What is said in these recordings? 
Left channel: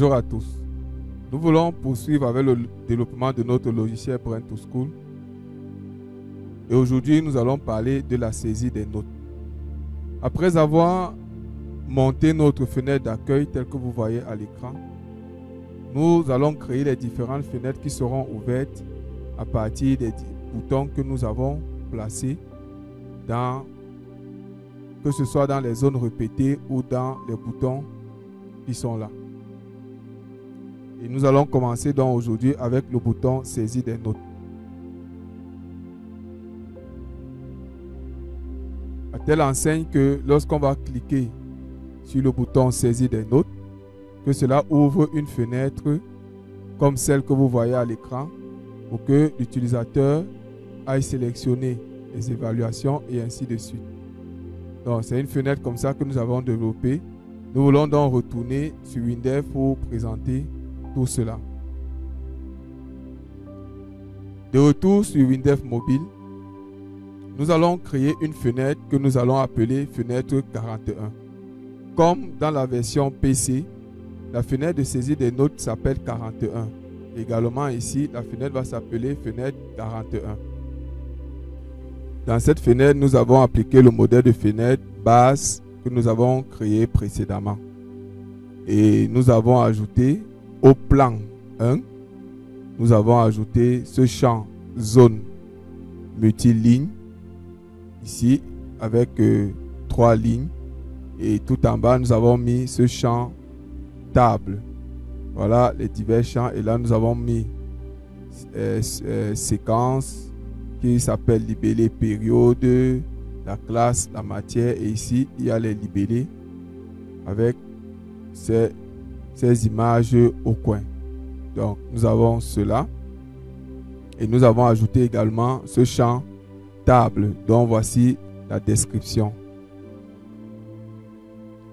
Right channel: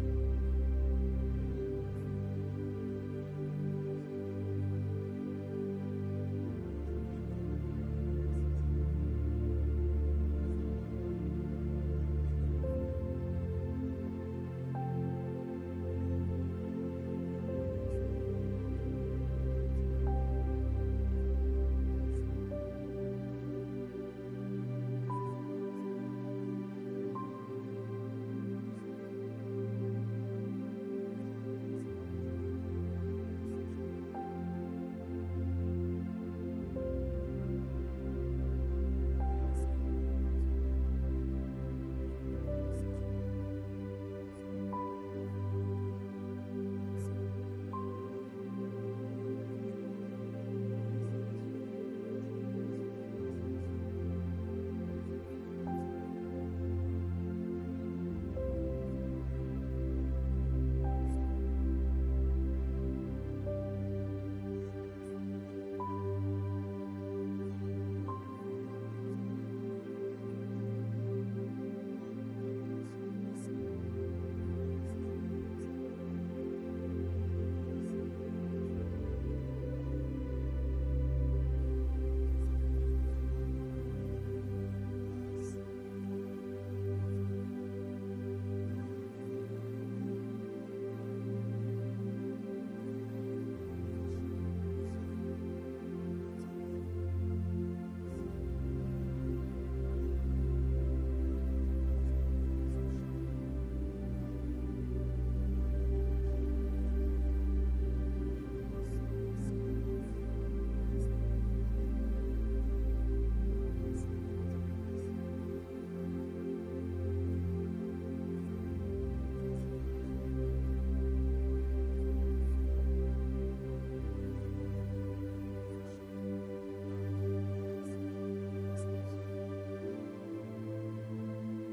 Bonjour à tous. Nous voulons poursuivre avec le développement de notre logiciel Brain2School. Et aujourd'hui, nous allons parler de la saisie des notes. Après avoir monté notre fenêtre d'accueil telle que vous voyez à l'écran, nous allons créer les différentes fenêtres qui seront ouvertes à partir des boutons que nous avons placés que ce soit dans les zones répétées ou dans les boutons qui sont là. Et nous allons commencer donc aujourd'hui avec le bouton saisie des notes. À telle enseigne que lorsqu'on va cliquer sur le bouton saisie des notes, que cela ouvre une fenêtre comme celle que vous voyez à l'écran pour que l'utilisateur aille sélectionner les évaluations et ainsi de suite. Donc c'est une fenêtre comme ça que nous avons développée. Nous voulons donc retourner sur Windev pour présenter tout cela. De retour sur Windev Mobile, nous allons créer une fenêtre que nous allons appeler fenêtre 41. Comme dans la version PC, la fenêtre de saisie des notes s'appelle 41. Également ici, la fenêtre va s'appeler fenêtre 41. Dans cette fenêtre, nous avons appliqué le modèle de fenêtre base que nous avons créé précédemment. Et nous avons ajouté au plan 1, nous avons ajouté ce champ zone multiligne ici avec 3 lignes. Et tout en bas, nous avons mis ce champ table. Voilà les divers champs. Et là, nous avons mis séquence qui s'appelle libellé période, la classe, la matière. Et ici, il y a les libellés avec ces images au coin. Donc, nous avons cela. Et nous avons ajouté également ce champ table, dont voici la description.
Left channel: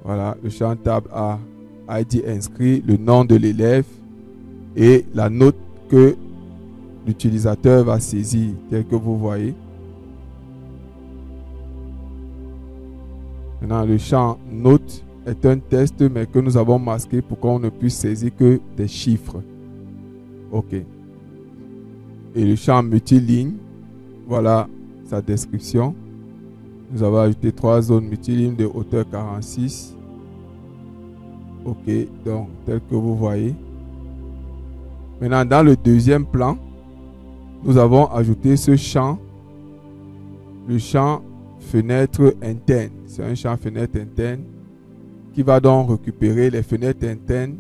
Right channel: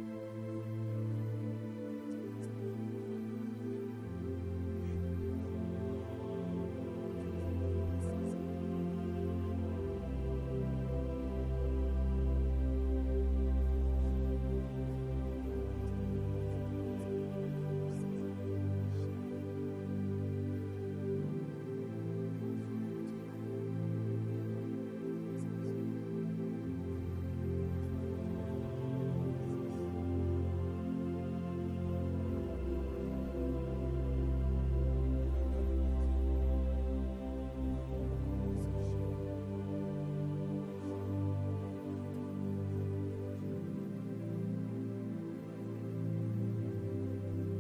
Voilà, le champ table a été inscrit le nom de l'élève et la note que l'utilisateur va saisir, tel que vous voyez. Maintenant, le champ note est un test, mais que nous avons masqué pour qu'on ne puisse saisir que des chiffres. OK. Et le champ multiligne, voilà sa description. Nous avons ajouté 3 zones multilignes de hauteur 46. OK, donc tel que vous voyez. Maintenant, dans le deuxième plan, nous avons ajouté ce champ, le champ fenêtre interne. C'est un champ fenêtre interne qui va donc récupérer les fenêtres internes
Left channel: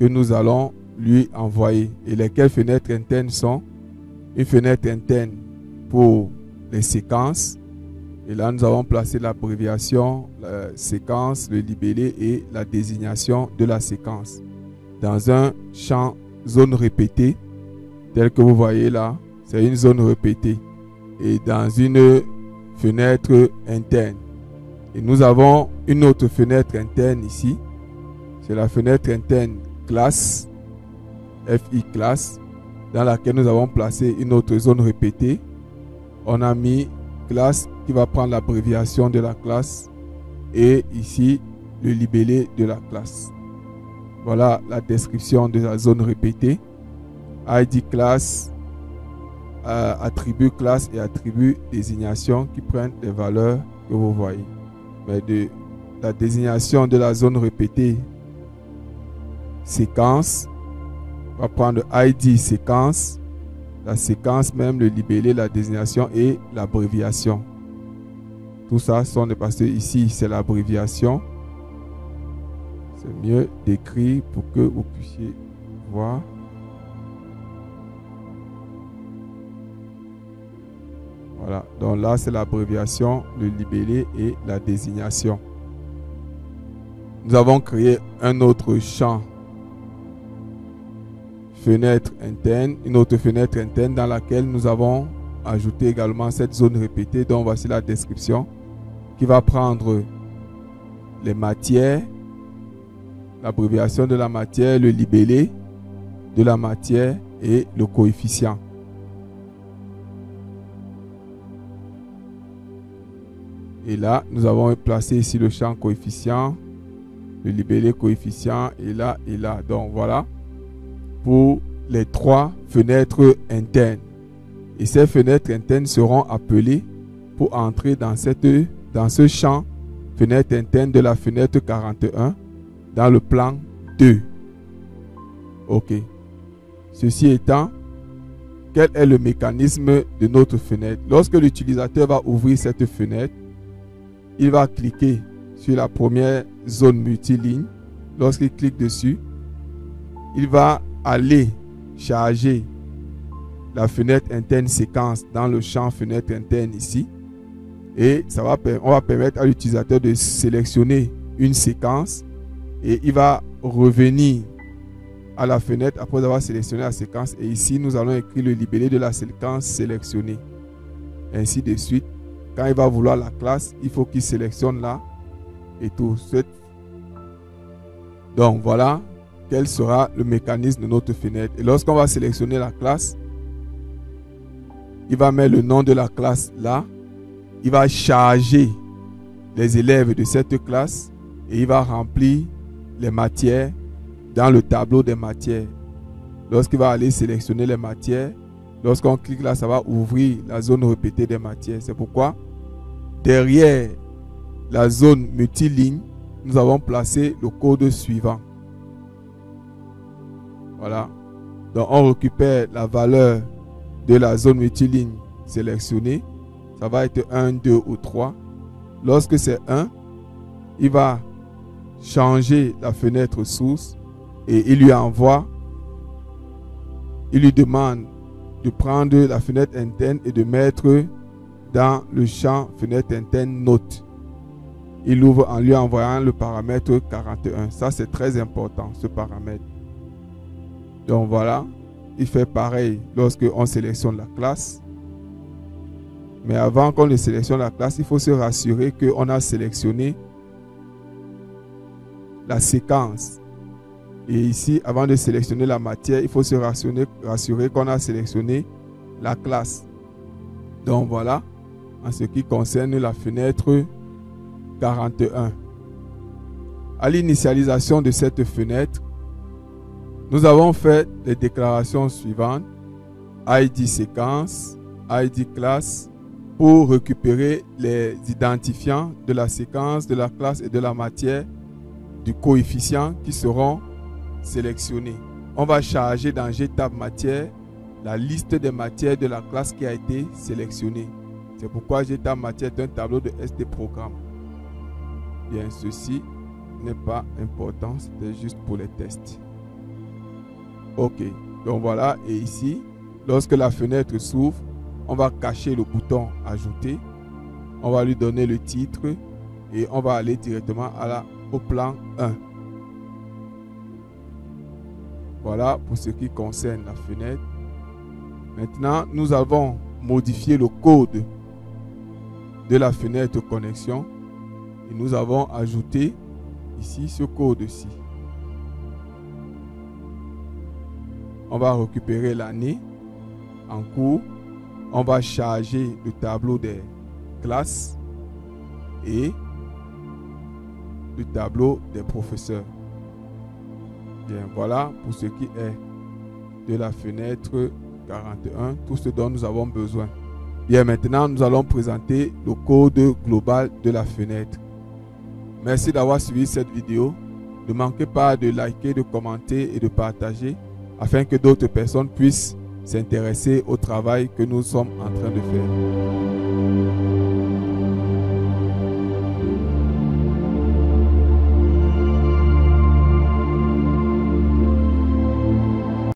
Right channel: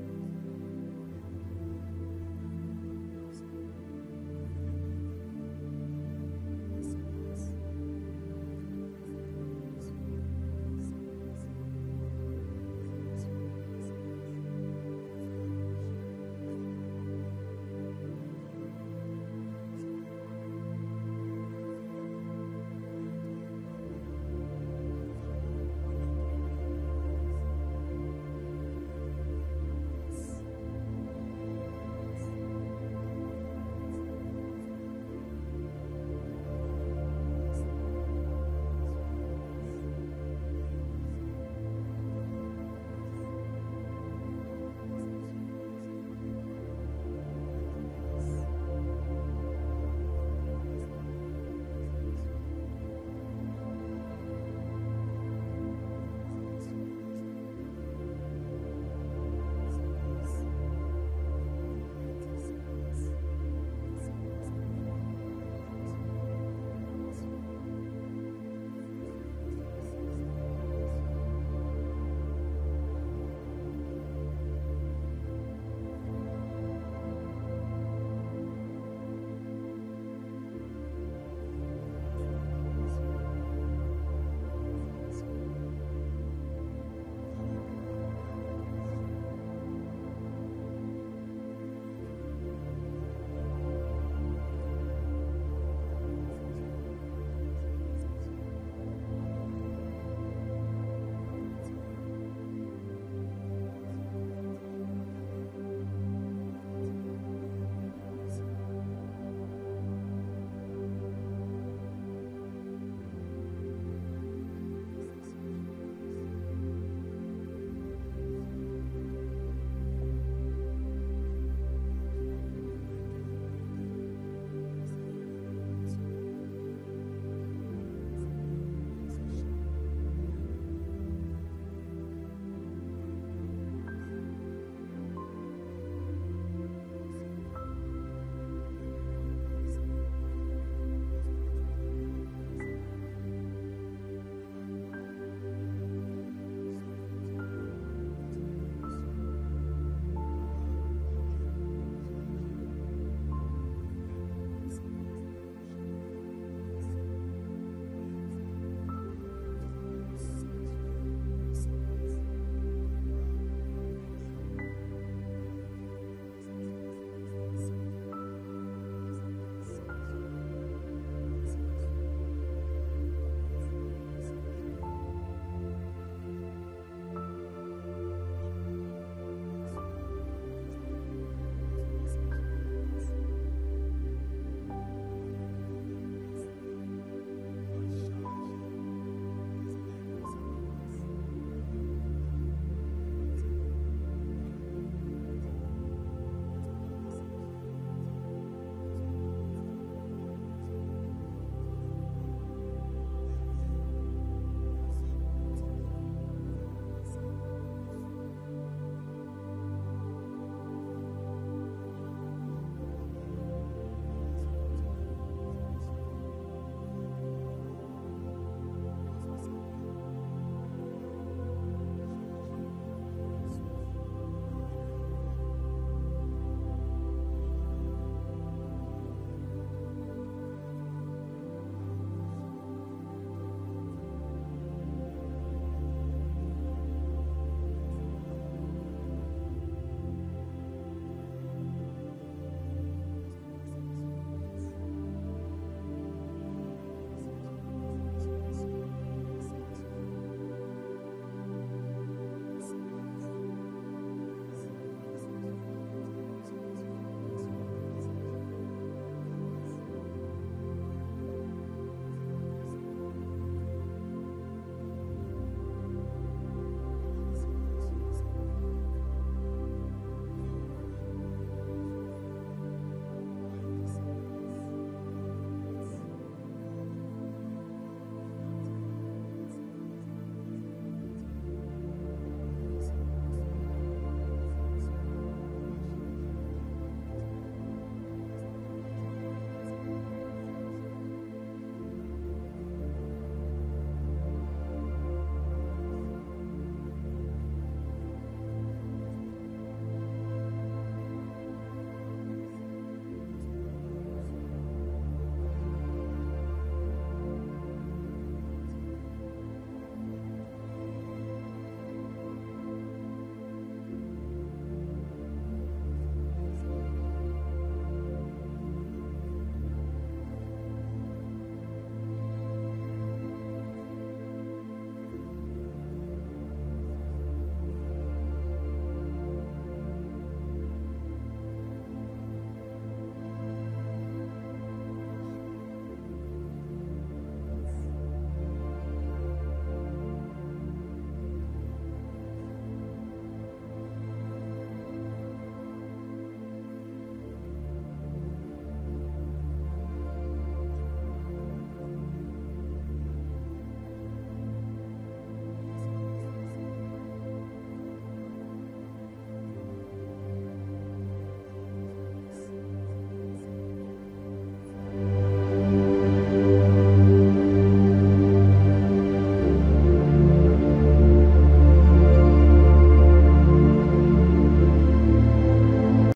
que nous allons lui envoyer. Et lesquelles fenêtres internes sont une fenêtre interne pour les séquences. Et là, nous avons placé l'abréviation, la séquence, le libellé et la désignation de la séquence dans un champ zone répétée, tel que vous voyez là. C'est une zone répétée et dans une fenêtre interne. Et nous avons une autre fenêtre interne ici. C'est la fenêtre interne classe, FI classe, dans laquelle nous avons placé une autre zone répétée. On a mis classe qui va prendre l'abréviation de la classe et ici le libellé de la classe. Voilà la description de la zone répétée. ID classe, attribut classe et attribut désignation qui prennent les valeurs que vous voyez. Mais de la désignation de la zone répétée séquence, on va prendre ID séquence, la séquence même, le libellé, la désignation et l'abréviation. Tout ça sont des parce que ici c'est l'abréviation. C'est mieux d'écrire pour que vous puissiez voir. Voilà, donc là c'est l'abréviation, le libellé et la désignation. Nous avons créé un autre champ fenêtre interne, une autre fenêtre interne dans laquelle nous avons ajouté également cette zone répétée dont voici la description qui va prendre les matières, l'abréviation de la matière, le libellé de la matière et le coefficient. Et là, nous avons placé ici le champ coefficient le libellé coefficient est là et là. Donc voilà pour les 3 fenêtres internes. Et ces fenêtres internes seront appelées pour entrer dans ce champ fenêtre interne de la fenêtre 41 dans le plan 2. Ok. Ceci étant, quel est le mécanisme de notre fenêtre? Lorsque l'utilisateur va ouvrir cette fenêtre, il va cliquer sur la première zone multiligne. Lorsqu'il clique dessus, il va aller charger la fenêtre interne séquence dans le champ fenêtre interne ici. Et on va permettre à l'utilisateur de sélectionner une séquence et il va revenir à la fenêtre après avoir sélectionné la séquence. Et ici, nous allons écrire le libellé de la séquence sélectionnée. Ainsi de suite. Quand il va vouloir la classe, il faut qu'il sélectionne là et tout. Donc voilà quel sera le mécanisme de notre fenêtre. Et lorsqu'on va sélectionner la classe, il va mettre le nom de la classe là. Il va charger les élèves de cette classe et il va remplir les matières dans le tableau des matières. Lorsqu'il va aller sélectionner les matières, lorsqu'on clique là, ça va ouvrir la zone répétée des matières. C'est pourquoi derrière la zone multiligne, nous avons placé le code suivant. Voilà. Donc on récupère la valeur de la zone multiligne sélectionnée. Ça va être 1, 2 ou 3. Lorsque c'est 1, il va changer la fenêtre source et il lui demande de prendre la fenêtre interne et de mettre dans le champ fenêtre interne note. Il ouvre en lui envoyant le paramètre 41. Ça, c'est très important, ce paramètre. Donc voilà, il fait pareil lorsque on sélectionne la classe. Mais avant qu'on ne sélectionne la classe, il faut se rassurer qu'on a sélectionné la séquence. Et ici, avant de sélectionner la matière, il faut se rassurer qu'on a sélectionné la classe. Donc voilà, en ce qui concerne la fenêtre 41. À l'initialisation de cette fenêtre, nous avons fait les déclarations suivantes. ID séquence, ID classe, pour récupérer les identifiants de la séquence, de la classe et de la matière, du coefficient qui seront sélectionnés. On va charger dans GTab matière la liste des matières de la classe qui a été sélectionnée. C'est pourquoi GTab matière est un tableau de SD programme. Bien, ceci n'est pas important, c'était juste pour les tests. Ok, donc voilà, et ici, lorsque la fenêtre s'ouvre, on va cacher le bouton ajouter, on va lui donner le titre et on va aller directement au plan 1. Voilà pour ce qui concerne la fenêtre. Maintenant, nous avons modifié le code de la fenêtre connexion et nous avons ajouté ici ce code-ci. On va récupérer l'année en cours. On va charger le tableau des classes et le tableau des professeurs. Bien, voilà pour ce qui est de la fenêtre 41, tout ce dont nous avons besoin. Bien, maintenant, nous allons présenter le code global de la fenêtre. Merci d'avoir suivi cette vidéo. Ne manquez pas de liker, de commenter et de partager afin que d'autres personnes puissent s'intéresser au travail que nous sommes en train de faire.